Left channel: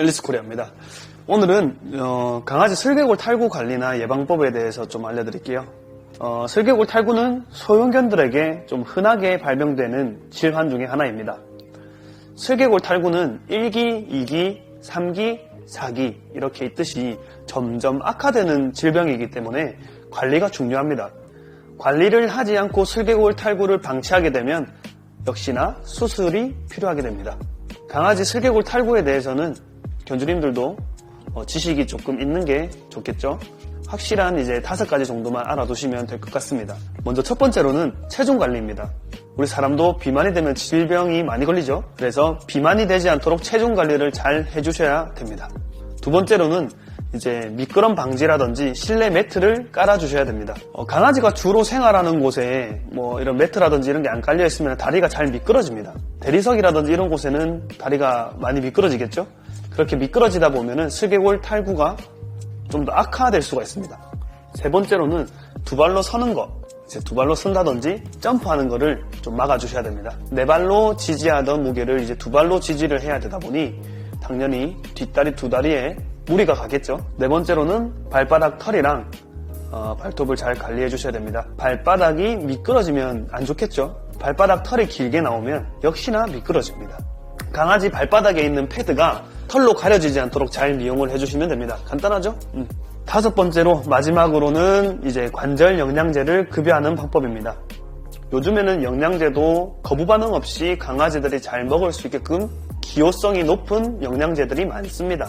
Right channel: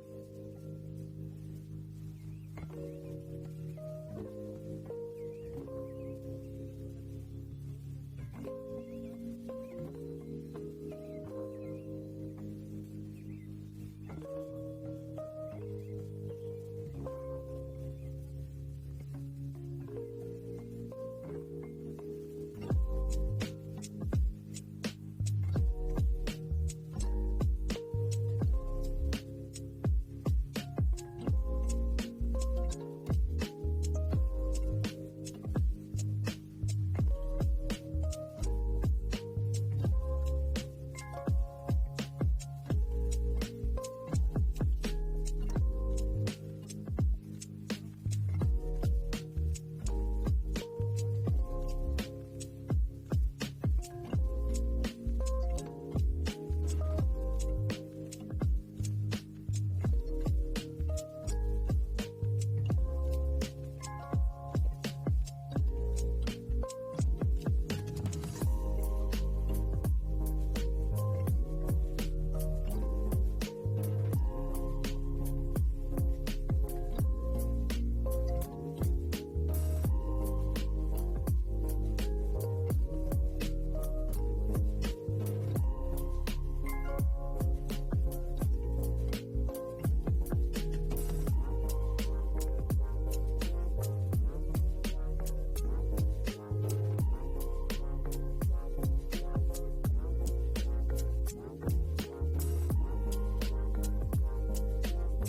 앨리스 코리아입니다. 오늘은 어, 강아지 슬개골 탈구 관리나 예방법에 대해서 좀 알려드릴게요. 어, 슬개골 탈구는 소형견들에게 좀 흔하게 발병되는 질환 중에 하나입니다. 슬개골 탈구는 1기, 2기, 3기, 4기 이렇게 있듯이 점점 악화되는 질병이기 때문에 관리가 중요합니다. 관리를 하지 않고 슬개골 탈구를 방치하게 되면 역시나 수술이 필요하게 됩니다. 강아지 슬개골 탈구에 대해서는 견주님들도 어, 지식이 조금 있는 게 좋겠죠. 확실한 이제 다섯 가지 정도만 알아두시면 될 것 같습니다. 먼저 첫 번째로는 체중 관리입니다. 우리 사람도 비만이 되면 질병이 많이 걸리죠. 그래서 비만이 되지 않도록 체중 관리를 잘 해주셔야 됩니다. 두 번째로는 이제 미끄럼 방지라든지 실내 매트를 깔아주셔야 됩니다. 어, 강아지가 주로 생활하는 곳에 뭐 이런 매트라든지 이런 게 안 깔려 있으면 다리가 잘 미끄러집니다. 대리석이라든지 이런 곳에는 다리가 많이 미끄러지겠죠. 그렇게 미끄러지다 보면은 슬개골 탈구가 좀 더 악화될 수가 있습니다. 세 번째로는 두 발로 서는 것. 이제 두 발로 선다든지 점프하는 거를 좀 막아주셔야 됩니다. 네 발로 지지하던 무게를 이제 두 발로 지지를 해야 되다 보니 당연히 뒷다리 두 다리에 무리가 가겠죠. 네 번째로는 발바닥 털이랑 어, 발톱을 잘 관리해 주셔야 됩니다. 발바닥이 미끄러지면 안 좋겠죠. 발바닥 털이 길게 나오면 역시나 미끄러집니다. 강아지 발바닥에 있는 패드가 털로 가려지지 않도록 잘 이용을 해주시면 됩니다. 간단하죠? 음. 다섯 번째로 마지막으로는 이제 관절 영양제를 급여하는 방법입니다. 요즘에는 영양제도 거부 반응 없이 강아지들이 잘 먹을 수 있게끔 기호성이 높은 영양제들이 많습니다.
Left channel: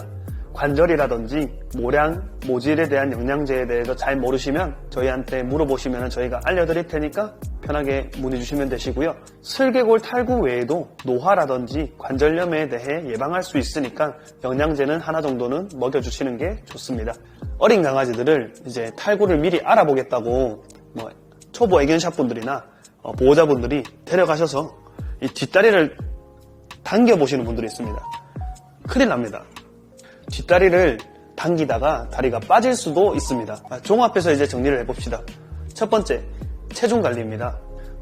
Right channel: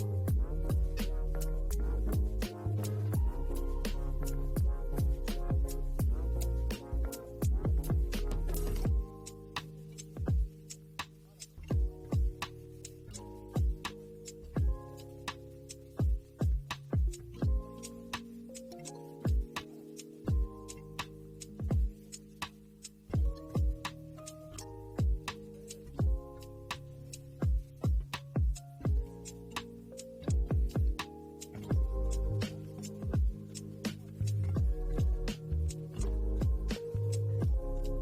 관절이라든지 모량, 모질에 대한 영양제에 대해서 잘 모르시면 저희한테 물어보시면 저희가 알려드릴 테니까 편하게 문의 주시면 되시고요. 슬개골 탈구 외에도 노화라든지 관절염에 대해 예방할 수 있으니까 영양제는 하나 정도는 먹여주시는 게 좋습니다. 어린 강아지들을 이제 탈구를 미리 알아보겠다고 뭐 초보 애견샵 분들이나 어, 보호자분들이 데려가셔서 이 뒷다리를 당겨보시는 분들이 있습니다. 큰일 납니다. 뒷다리를 당기다가 다리가 빠질 수도 있습니다. 아, 종합해서 이제 정리를 해봅시다. 첫 번째, 체중 관리입니다.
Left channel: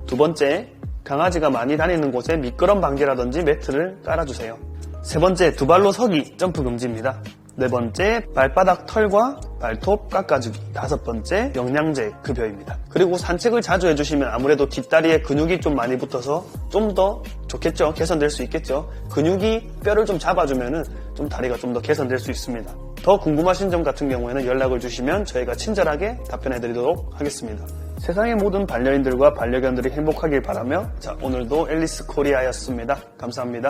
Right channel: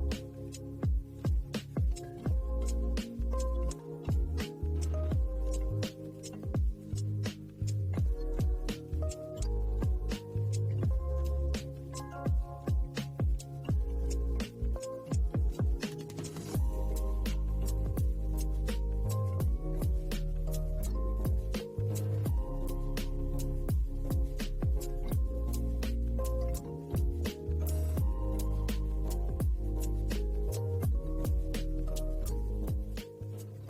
두 번째, 강아지가 많이 다니는 곳에 미끄럼 방지라든지 매트를 깔아주세요. 세 번째, 두 발로 서기, 점프 금지입니다. 네 번째, 발바닥 털과 발톱 깎아주기. 다섯 번째, 영양제 급여입니다. 그리고 산책을 자주 해주시면 아무래도 뒷다리에 근육이 좀 많이 붙어서 좀 더 좋겠죠. 개선될 수 있겠죠. 근육이 뼈를 좀 잡아주면은 좀 다리가 좀 더 개선될 수 있습니다. 더 궁금하신 점 같은 경우에는 연락을 주시면 저희가 친절하게 답변해드리도록 하겠습니다. 세상의 모든 반려인들과 반려견들이 행복하길 바라며 자 오늘도 앨리스 코리아였습니다. 감사합니다.